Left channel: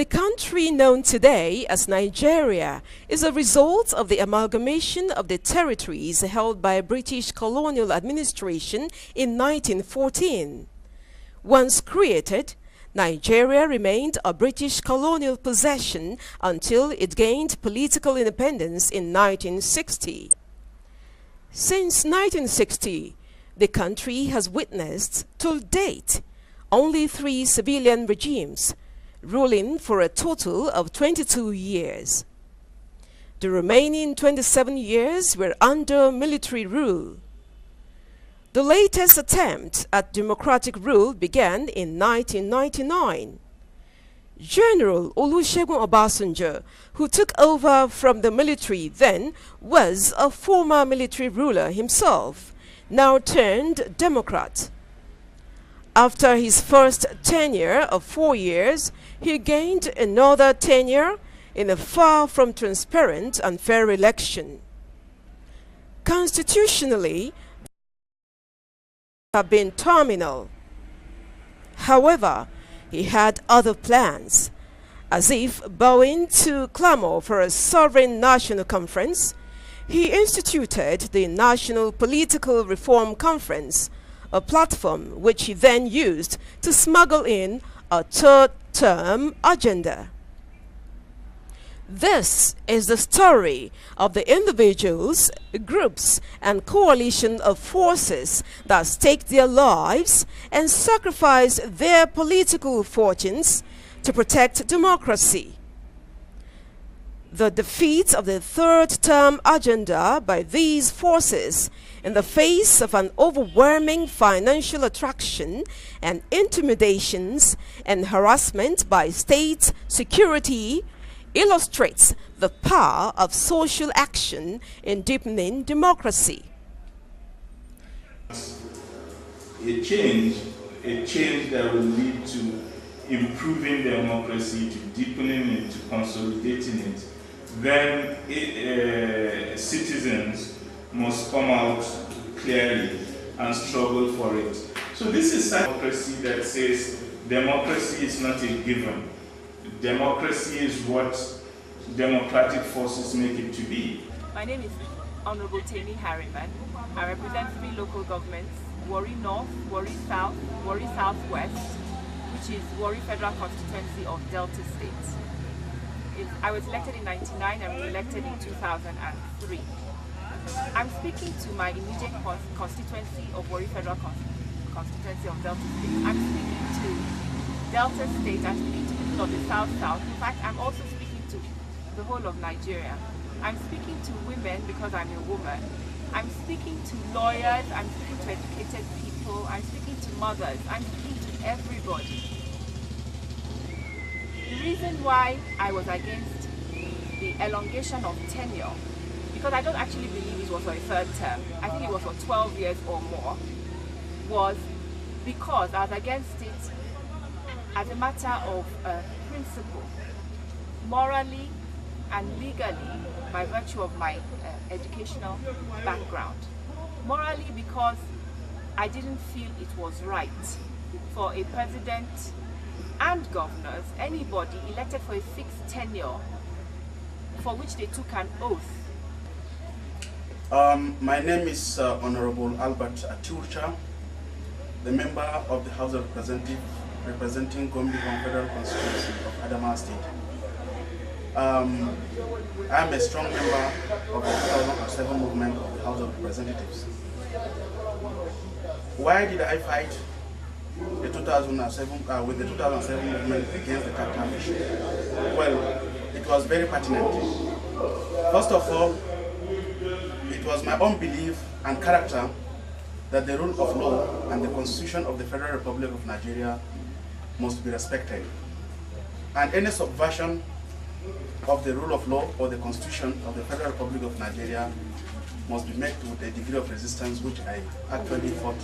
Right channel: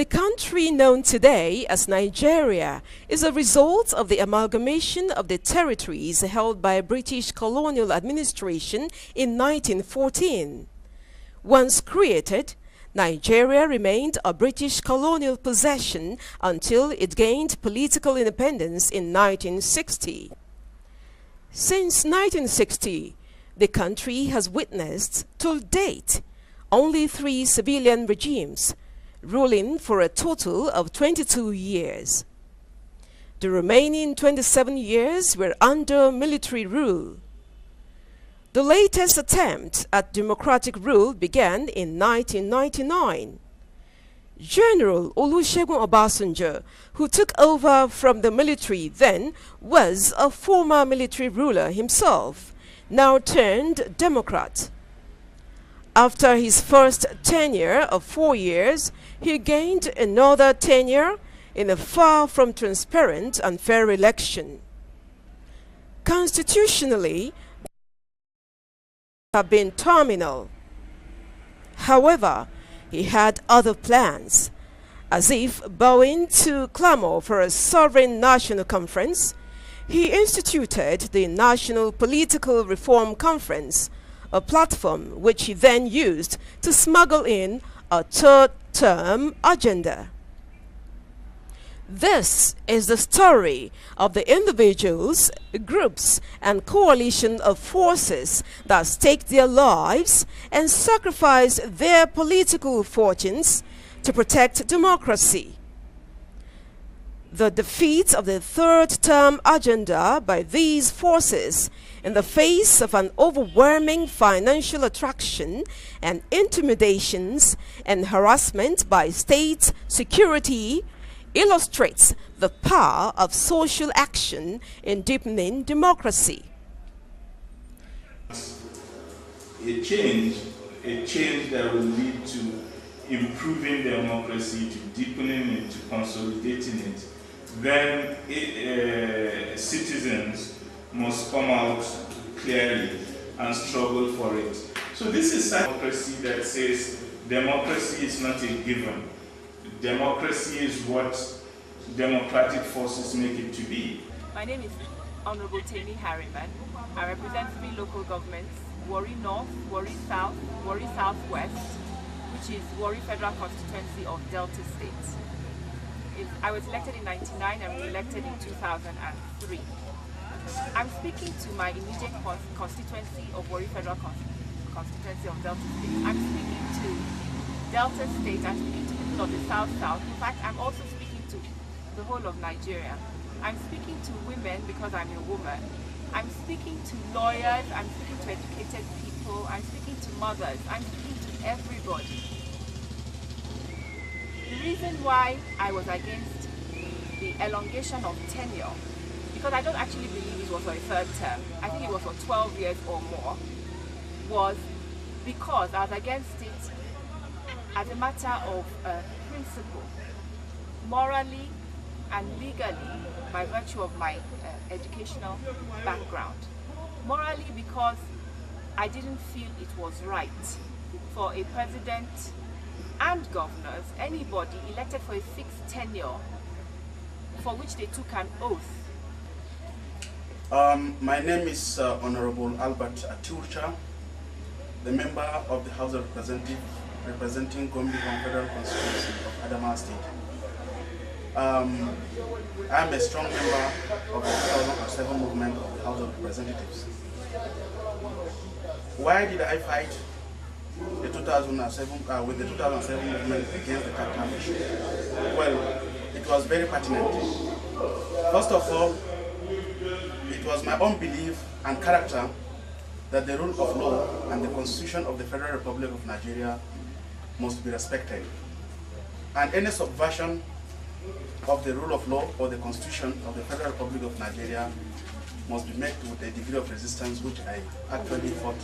The country known today as Nigeria is a result of the amalgamation of the territories held by British colonial administration in 1914. Once created, Nigeria remained a British colonial possession until it gained political independence in 1960. Since 1960, the country has witnessed, to date, only 3 civilian regimes, ruling for a total of 22 years. The remaining 27 years were under military rule. The latest attempt at democratic rule began in 1999. General Olusegun Obasanjo, who took over from the military then, was a former military ruler himself, now turned Democrat. After his first tenure of 4 years, he gained another tenure in a far from transparent and fair election. Constitutionally, have been terminal. However, he had other plans. As if bowing to clamor for a sovereign national conference, he instituted the National Political Reform Conference, a platform which he then used to smuggle in a third-term agenda. This is the story of the individuals, groups, and coalition of forces that stake their lives and sacrifice their political fortunes to protect democracy. The defeat of the third-term agenda by these forces in the face of an overwhelming financial attraction and intimidations and harassment by state security illustrates the power of social action in deepening democracy. A change that will lead to improving democracy, to deepening it, to consolidating it, then citizens must come out clearly and struggle for it. So this is a democracy that says democracy is not a given. Democracy is what democratic forces make it to be. My name is Honorable Tammy Harriman. I represent 3 local governments: Warri North, Warri South, Warri Southwest, which is Warri Federal Constituency of Delta State. I was elected in 1999 and re-elected in 2003. I'm speaking to my immediate constituency of Warri Federal Constituency of Delta State. I'm speaking to Delta State, I'm speaking to people of the South-South. In fact, I'm also speaking to the whole of Nigeria. I'm speaking to women because I'm a woman. I'm speaking to lawyers, I'm speaking to educated people, I'm speaking to mothers, I'm speaking to everybody. The reason why I was against the elongation of tenure, because I don't actually believe it was for a third term, I think it was for 12 years or more, was because I was against it as a matter of principle, morally and legally, by virtue of my educational background. Morally, because I didn't feel it was right for a president and governors, anybody elected for a fixed tenure, for which they took an oath. My name is Honorable Albert Atiucha, the member of the House of Representatives representing Gombe Federal Constituency of Adamawa State. I am a strong member of the 2007 movement of the House of Representatives. Why did I fight the 2007 with the 2007 movement against the capital issue? Well, it was very pertinent. First of all, it was my own belief and character that the rule of law and the Constitution of the Federal Republic of Nigeria must be respected. And any subversion of the rule of law or the Constitution of the Federal Republic of Nigeria must be met with a degree of resistance, which I actually fought.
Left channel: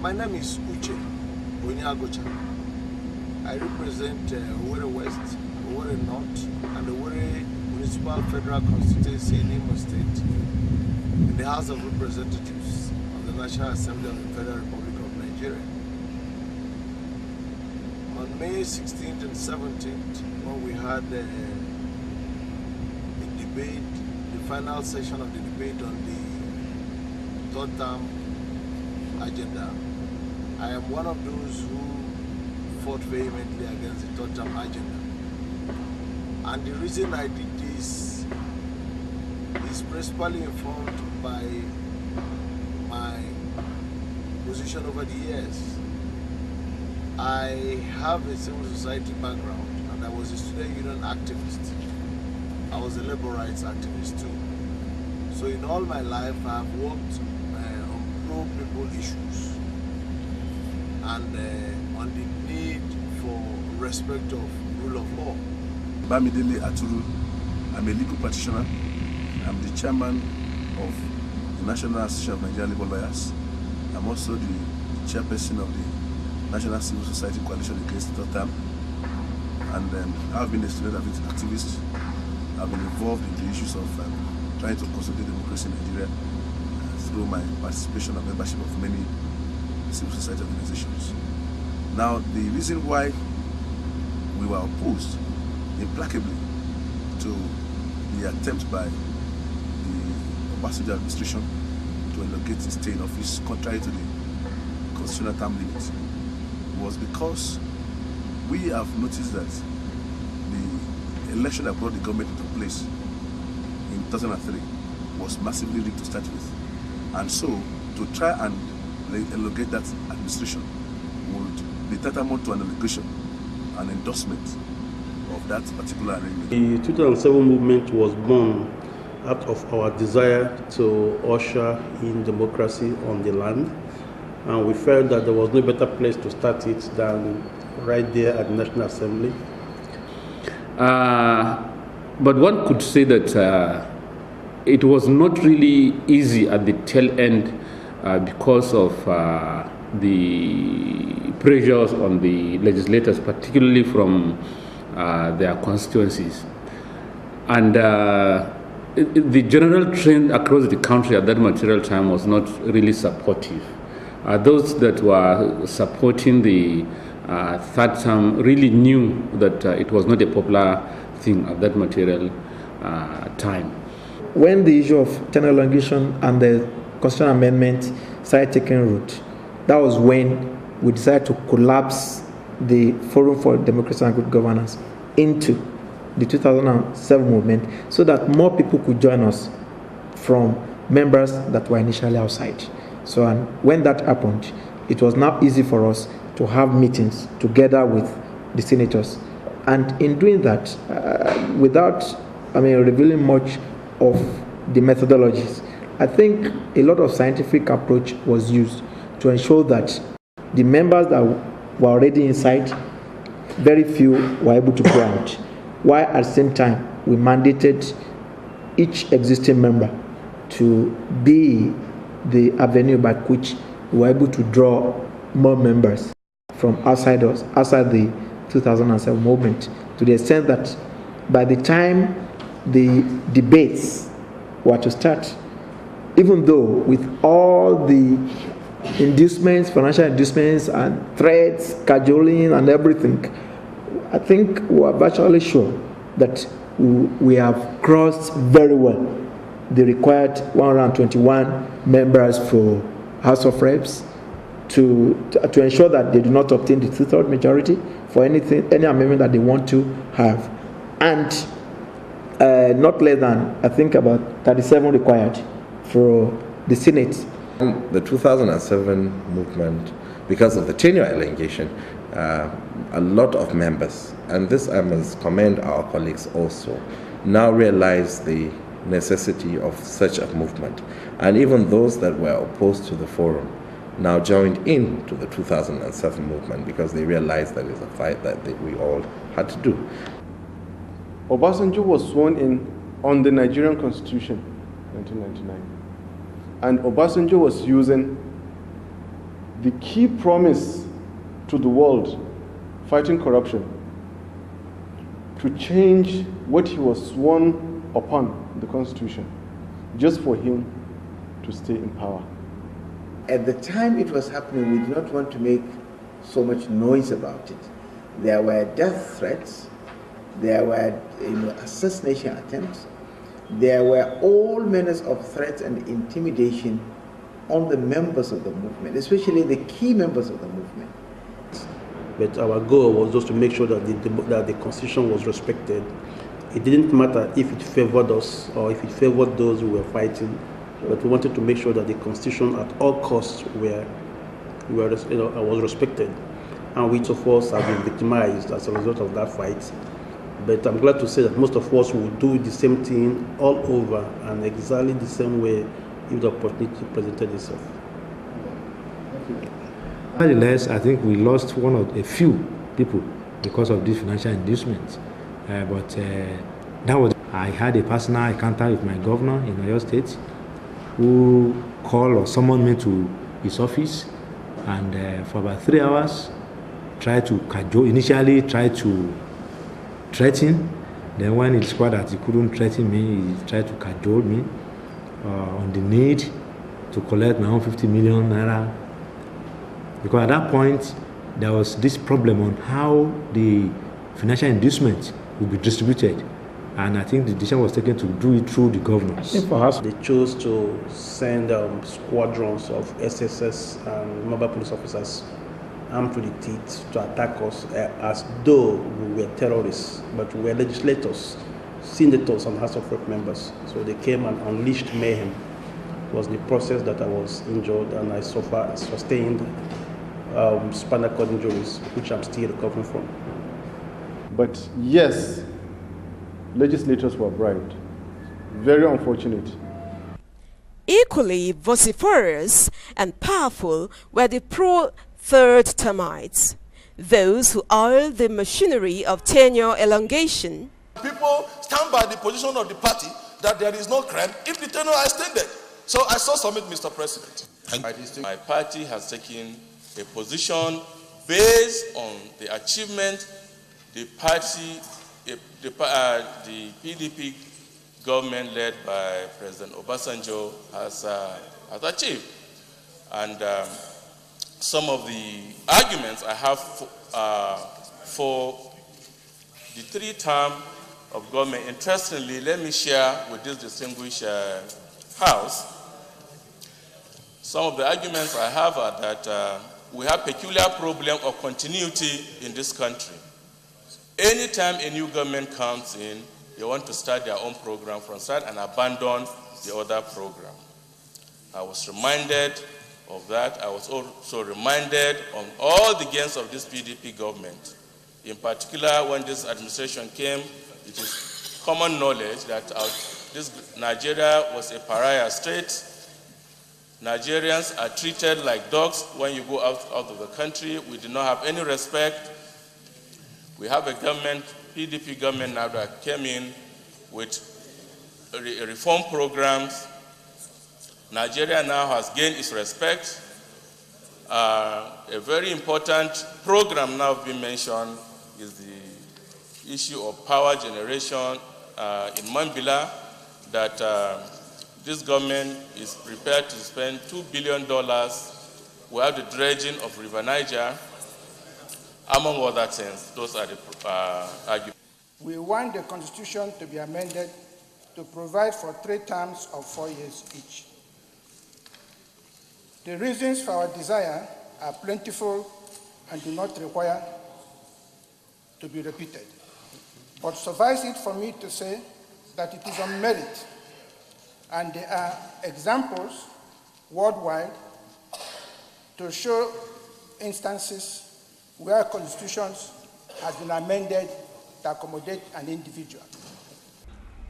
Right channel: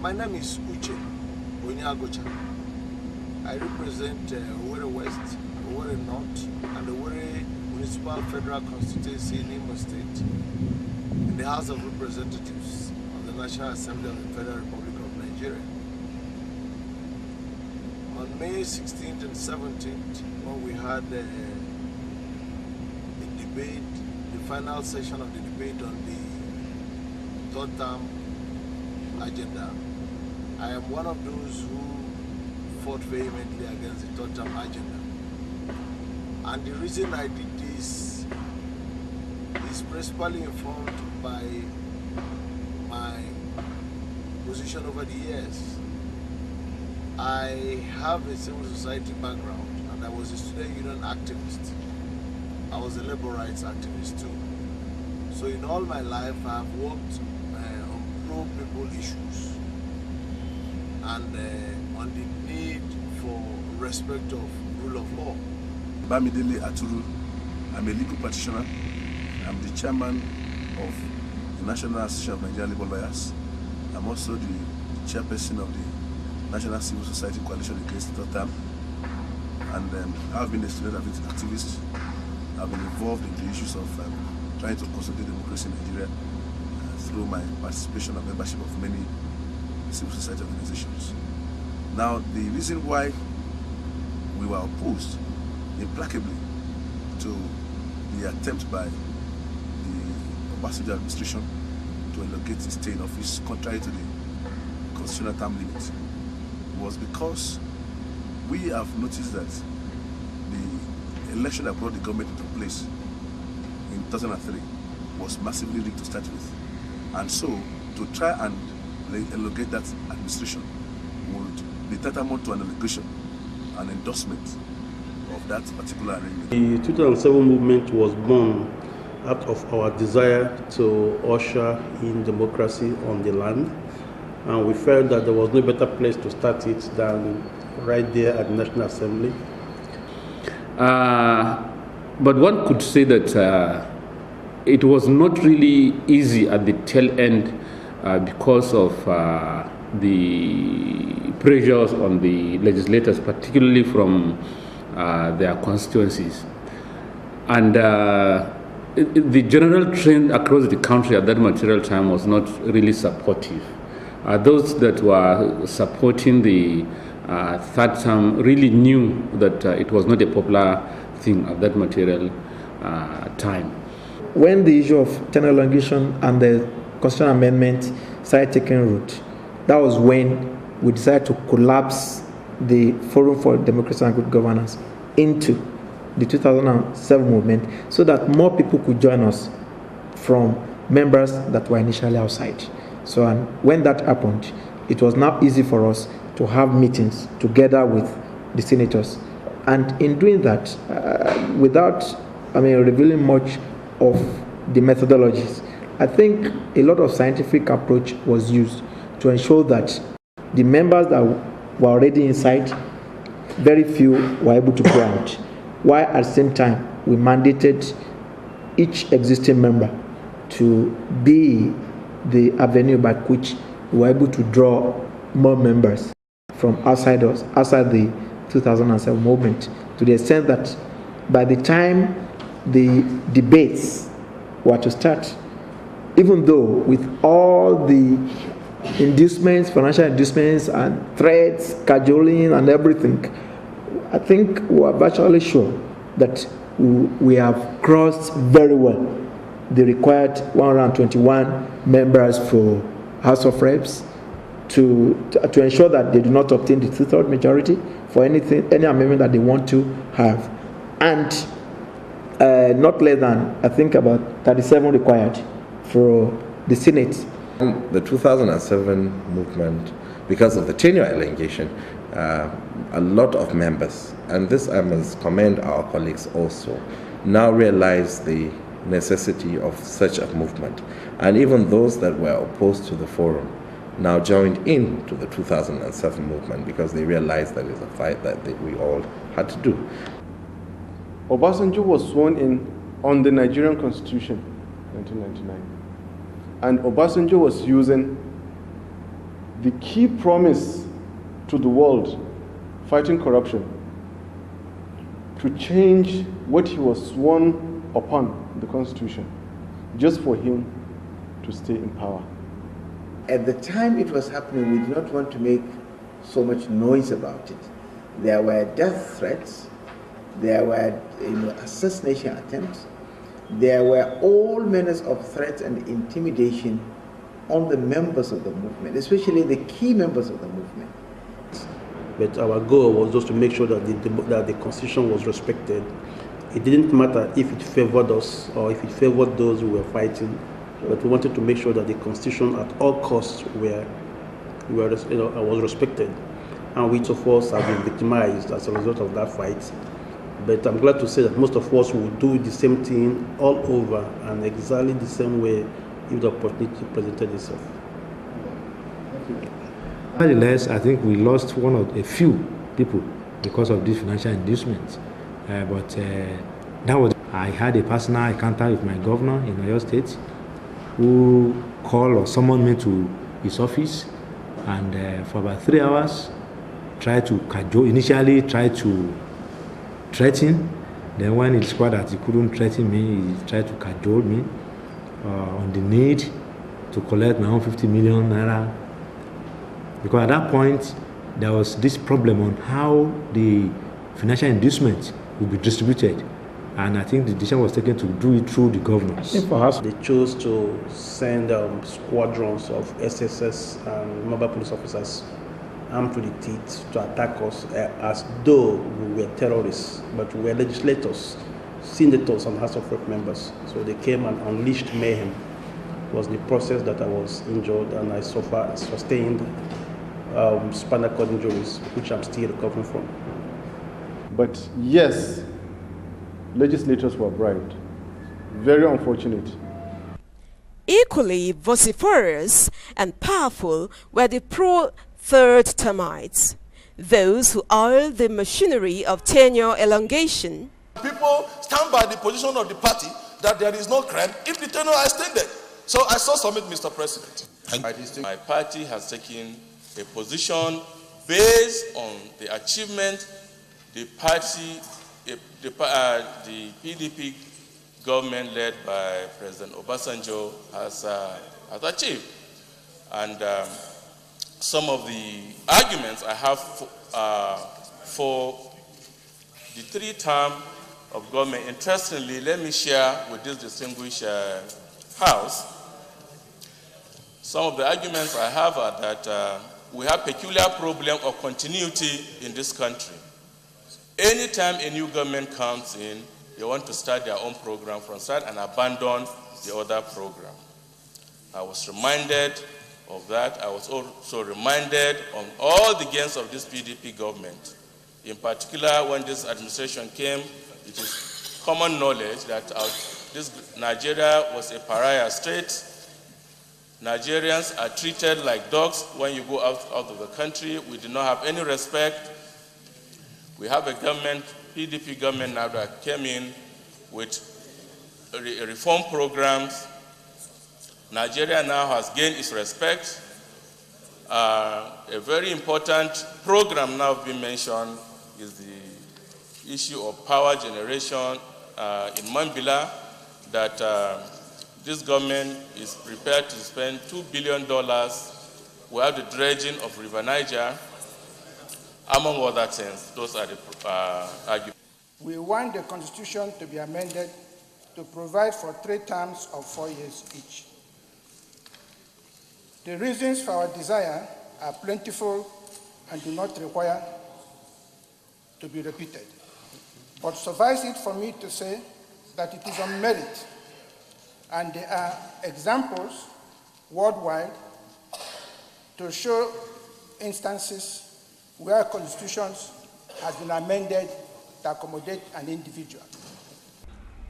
My name is Uche Onyagocha. I represent Owerri West, Owerri North, and Owerri Municipal Federal Constituency in Imo State in the House of Representatives of the National Assembly of the Federal Republic of Nigeria. On May 16th and 17th, when we had a debate, the final session of the debate on the third term agenda, I am one of those who fought vehemently against the third term agenda. And the reason I did this is principally informed by my position over the years. I have a civil society background and I was a student union activist. I was a labor rights activist too. So in all my life I have worked on pro-people issues and on the need for respect of rule of law. Bamidele Aturu, I'm a legal practitioner. I'm the chairman of the National Association of Nigerian Labour Lawyers. I'm also the chairperson of the National Civil Society Coalition Against the Third Term. And I've been a student activist. I've been involved in the issues of trying to consolidate democracy in Nigeria through my participation and membership of many civil society organizations. Now, the reason why we were opposed implacably to the attempt by the Obasanjo administration to elongate his stay in office contrary to the constitutional term limit was because we have noticed that the election that brought the government into place in 2003 was massively rigged to start with. And so, to try and elongate that administration would be tantamount to an allegation, an endorsement of that particular arrangement. The 2007 movement was born out of our desire to usher in democracy on the land. And we felt that there was no better place to start it than right there at the National Assembly. But one could say that it was not really easy at the tail end because of the pressures on the legislators, particularly from their constituencies. And the general trend across the country at that material time was not really supportive. Those that were supporting the third term really knew that it was not a popular thing at that material time. When the issue of tenure elongation and the constitutional amendment started taking root, that was when we decided to collapse the Forum for Democracy and Good Governance into the 2007 movement so that more people could join us from members that were initially outside. So and when that happened, it was now easy for us to have meetings together with the senators. And in doing that, without revealing much of the methodologies, I think a lot of scientific approach was used to ensure that the members that were already inside, very few were able to go out, while at the same time we mandated each existing member to be the avenue by which we were able to draw more members from outside us, outside the 2007 movement, to the extent that by the time the debates were to start, even though with all the inducements, financial inducements and threats, cajoling and everything, I think we are virtually sure that we have crossed very well the required 121 members for House of Reps to ensure that they do not obtain the 2/3 majority for any amendment that they want to have, and not less than, I think, about 37 required for the Senate. The 2007 movement, because of the tenure elongation, a lot of members, and this I must commend our colleagues also, now realize the necessity of such a movement. And even those that were opposed to the forum now joined in to the 2007 movement because they realized that it's a fight that we all had to do. Obasanjo was sworn in on the Nigerian Constitution, 1999. And Obasanjo was using the key promise to the world, fighting corruption, to change what he was sworn upon, the Constitution, just for him to stay in power. At the time it was happening, we did not want to make so much noise about it. there were death threats, there were assassination attempts, there were all manners of threats and intimidation on the members of the movement, especially the key members of the movement. But our goal was just to make sure that the Constitution was respected. It didn't matter if it favored us or if it favored those who were fighting, but we wanted to make sure that the Constitution at all costs was respected. And which of us have been victimized as a result of that fight. But I'm glad to say that most of us will do the same thing all over and exactly the same way if the opportunity presented itself. Nevertheless, I think we lost a few people because of this financial inducement. I had a personal encounter with my governor in Oyo State who called or summoned me to his office, and for about 3 hours tried to cajole, initially tried to threaten. Then when he discovered that he couldn't threaten me, he tried to cajole me on the need to collect my own 50 million naira. Because at that point, there was this problem on how the financial inducement would be distributed. And I think the decision was taken to do it through the governors. Perhaps they chose to send squadrons of SSS and mobile police officers armed to the teeth to attack us as though we were terrorists, but we were legislators, senators and House of Rep members. So they came and unleashed mayhem. It was in the process that I was injured and I sustained spinal cord injuries, which I'm still recovering from. But yes, legislators were bribed. Very unfortunate. Equally vociferous and powerful were the pro-third termites, those who oiled the machinery of tenure elongation. People stand by the position of the party that there is no crime if the tenure is extended. So I so submit, Mr. President. My party has taken a position based on the achievement the PDP government led by President Obasanjo has achieved. And some of the arguments I have for the 3 term of government, interestingly, let me share with this distinguished House. Some of the arguments I have are that we have peculiar problem of continuity in this country. Anytime a new government comes in, they want to start their own program from start and abandon the other program. I was reminded of that. I was also reminded on all the gains of this PDP government. In particular, when this administration came, it is common knowledge that this Nigeria was a pariah state. Nigerians are treated like dogs when you go out of the country. We do not have any respect. We have a government, PDP government now that came in with reform programs. Nigeria now has gained its respect. A very important program now being mentioned is the issue of power generation in Mambila, that this government is prepared to spend $2 billion. We have the dredging of River Niger, among other things. Those are the arguments. We want the Constitution to be amended to provide for 3 terms of 4 years each. The reasons for our desire are plentiful and do not require to be repeated. But suffice it for me to say that it is on merit, and there are examples worldwide to show instances where constitutions have been amended to accommodate an individual.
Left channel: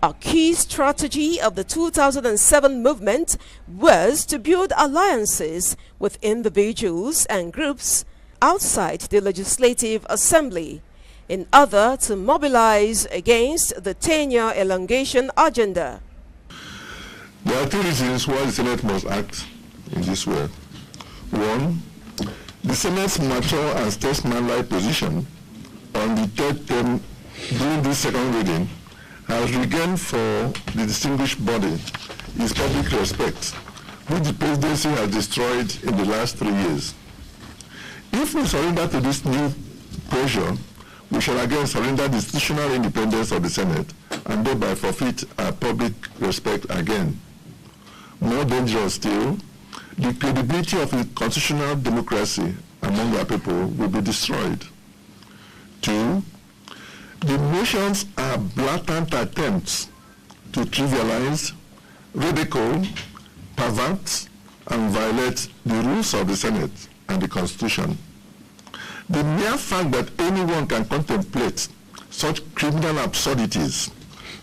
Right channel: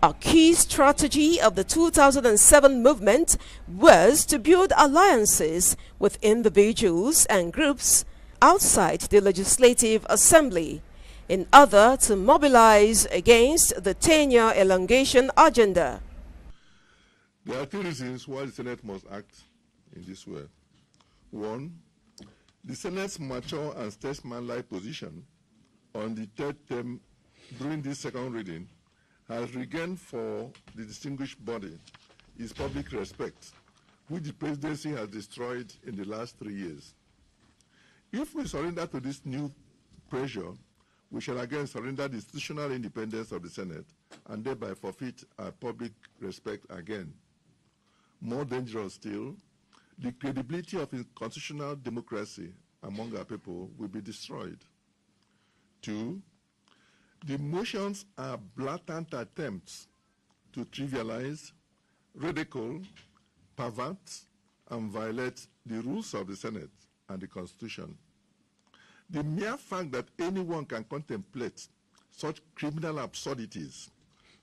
A key strategy of the 2007 movement was to build alliances with individuals and groups outside the Legislative Assembly in order to mobilize against the tenure elongation agenda. There are 3 reasons why the Senate must act in this way. 1, the Senate's mature and statesmanlike position on the 3rd term during this 2nd reading has regained for the distinguished body its public respect, which the presidency has destroyed in the last 3 years. If we surrender to this new pressure, we shall again surrender the institutional independence of the Senate and thereby forfeit our public respect again. More dangerous still, the credibility of a constitutional democracy among our people will be destroyed. 2, the motions are blatant attempts to trivialize, ridicule, pervert, and violate the rules of the Senate and the Constitution. The mere fact that anyone can contemplate such criminal absurdities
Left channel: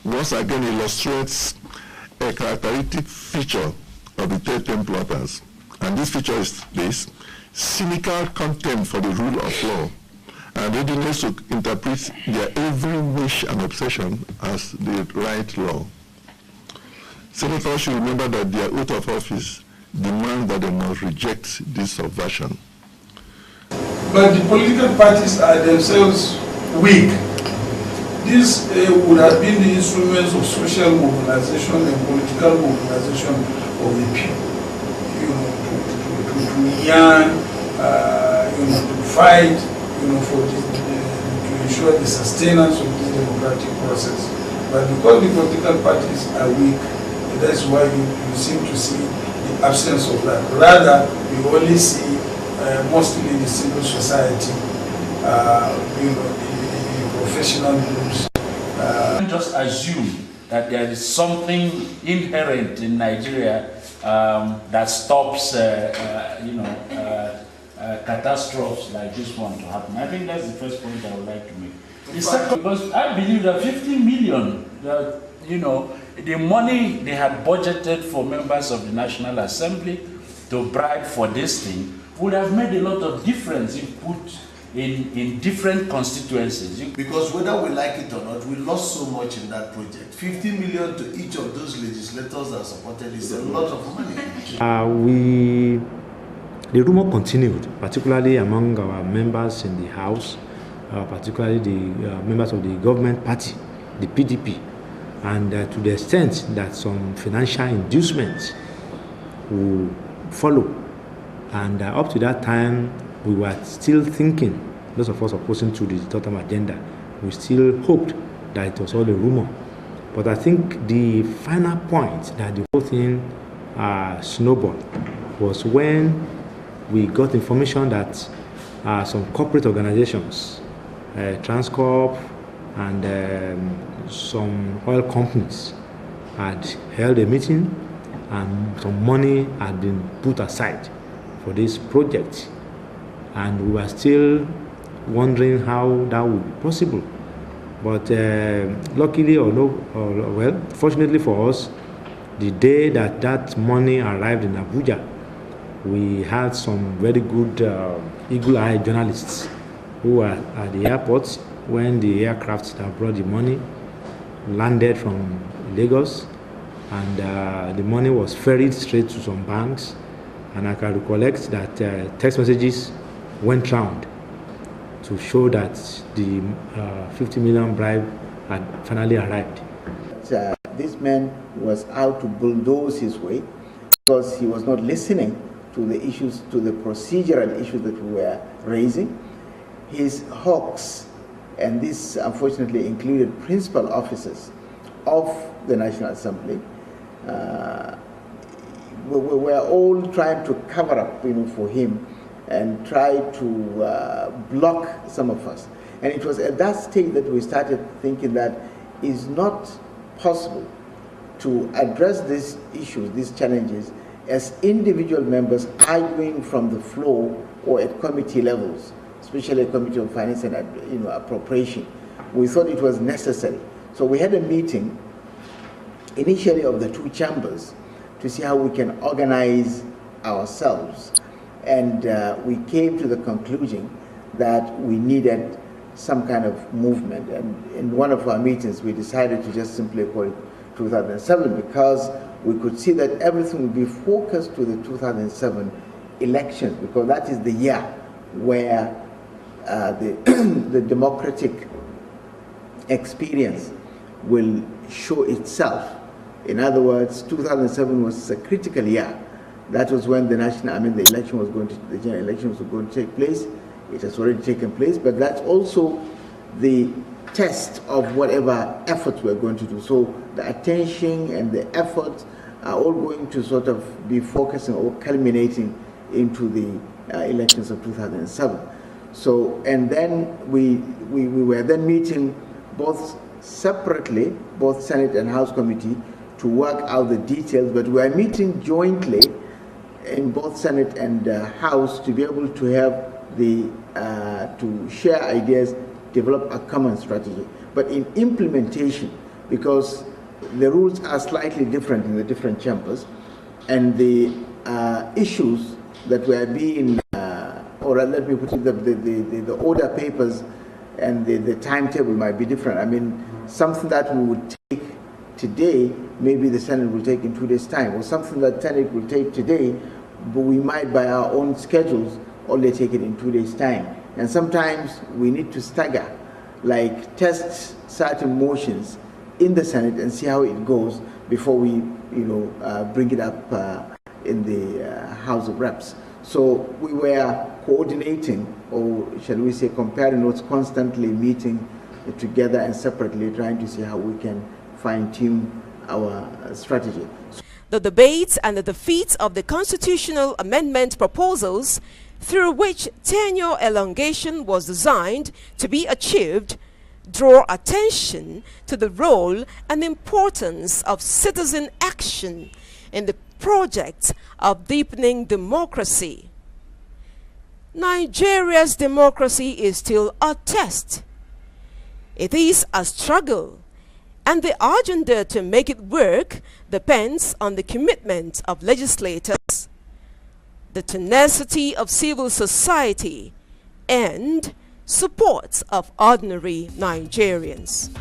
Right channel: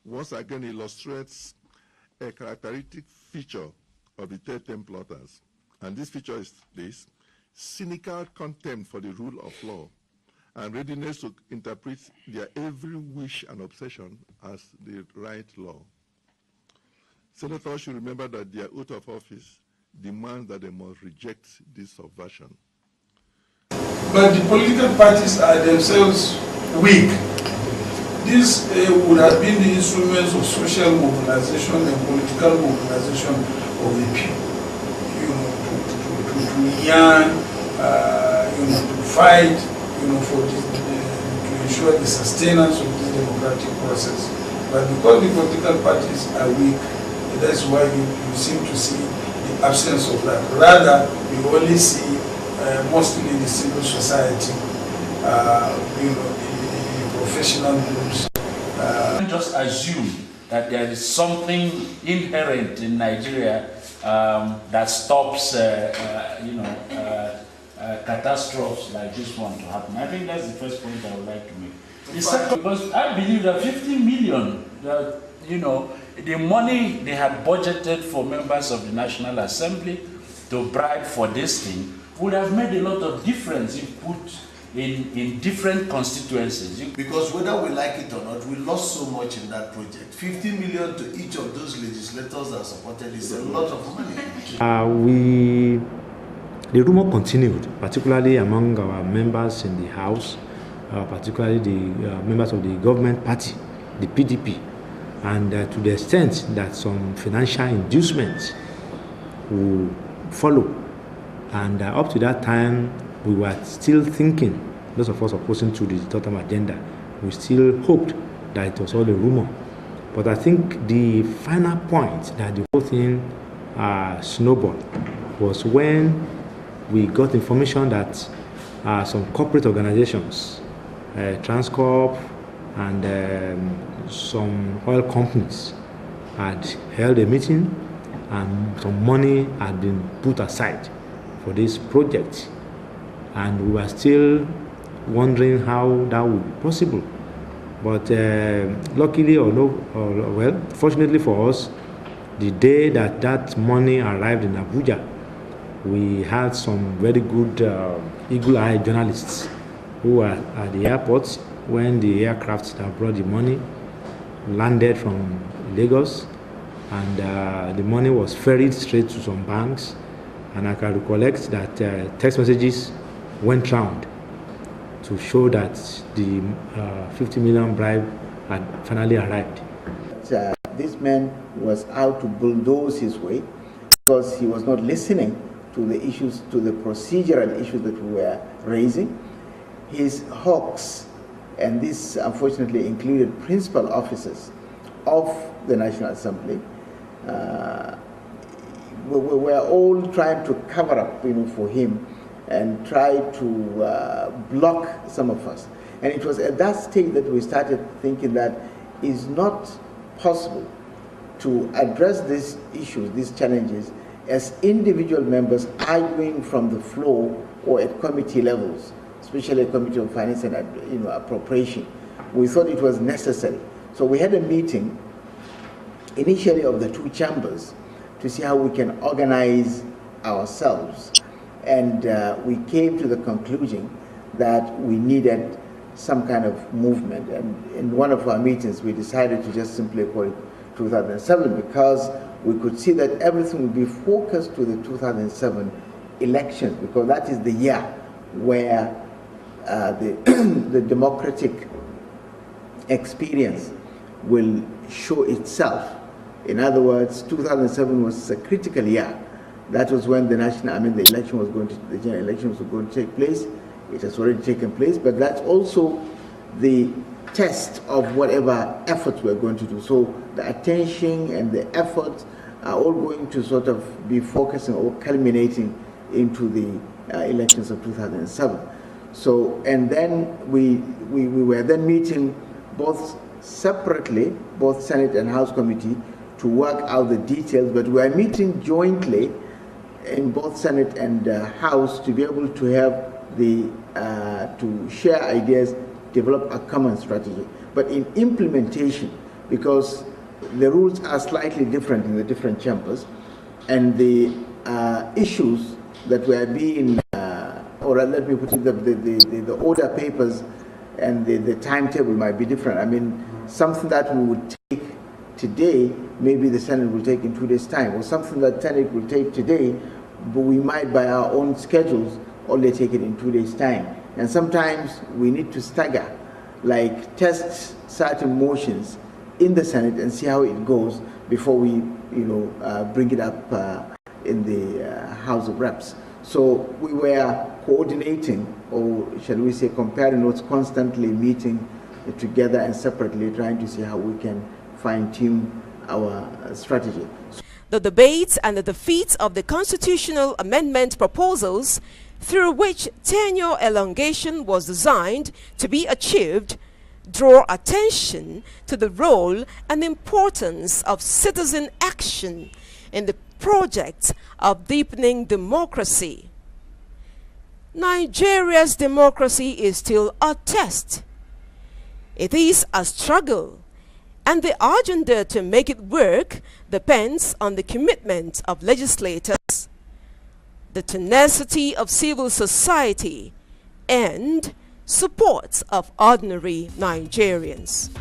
once again illustrates a characteristic feature of the third term plotters. And this feature is this: cynical contempt for the rule of law and readiness to interpret their every wish and obsession as the right law. Senators should remember that their oath of office demands that they must reject this subversion. But the political parties are themselves weak. These would have been the instruments of social mobilization and political mobilization of the people, to yearn, to fight, for this, to ensure the sustenance of this democratic process. But because the political parties are weak, that's why you seem to see the absence of that. Rather, we only see mostly the civil society, the professional groups. Just assume that there is something inherent in Nigeria that stops, catastrophes like this one to happen. I think that's the first point I would like to make. The second, because I believe that 50 million, the money they had budgeted for members of the National Assembly to bribe for this thing would have made a lot of difference if put in different constituencies. Because whether we like it or not, we lost so much in that project. 50 million to each of those legislators that supported is a lot of money. The rumor continued, particularly among our members in the House, particularly the members of the government party, the PDP, and to the extent that some financial inducements will follow. And up to that time, we were still thinking, those of us opposing to the total agenda, we still hoped that it was all a rumor. But I think the final point that the whole thing snowballed was when we got information that some corporate organizations, Transcorp and some oil companies had held a meeting and some money had been put aside for this project. And we were still wondering how that would be possible. But luckily fortunately for us, the day that that money arrived in Abuja, we had some very good eagle-eyed journalists who were at the airport when the aircraft that brought the money landed from Lagos, and the money was ferried straight to some banks. And I can recollect that text messages went round to show that the 50 million bribe had finally arrived. This man was out to bulldoze his way because he was not listening to the issues, to the procedural issues that we were raising. His hawks, and this unfortunately included principal officers of the National Assembly, we're all trying to cover up, for him and try to block some of us. And it was at that stage that we started thinking that it's not possible to address these issues, these challenges, as individual members arguing from the floor or at committee levels, especially a Committee on Finance and Appropriation. We thought it was necessary. So we had a meeting initially of the two chambers to see how we can organize ourselves. And we came to the conclusion that we needed some kind of movement. And in one of our meetings, we decided to just simply call it 2007 because we could see that everything would be focused to the 2007 elections, because that is the year where the democratic experience will show itself. In other words, 2007 was a critical year. That was when the general election was going to take place. It has already taken place, but that's also the test of whatever efforts we're going to do. So the attention and the efforts are all going to sort of be focusing or culminating into the elections of 2007. So, and then we were then meeting both separately, both Senate and House Committee, to work out the details, but we are meeting jointly in both Senate and House to be able to have the, to share ideas, develop a common strategy. But in implementation, because the rules are slightly different in the different chambers, and the issues that were being, or let me put it, the order papers and the timetable might be different. I mean, something that we would take today, maybe the Senate will take in 2 days' time, or something that Senate will take today, but we might, by our own schedules, only take it in 2 days' time. And sometimes we need to stagger, like test certain motions in the Senate and see how it goes before we, bring it up in the House of Reps. So we were coordinating, or shall we say comparing notes, constantly meeting together and separately, trying to see how we can fine-tune our strategy. The debates and the defeat of the constitutional amendment proposals, through which tenure elongation was designed to be achieved, draw attention to the role and importance of citizen action in the project of deepening democracy. Nigeria's democracy is still a test. It is a struggle, and the agenda to make it work depends on the commitment of legislators, the tenacity of civil society, and support of ordinary Nigerians.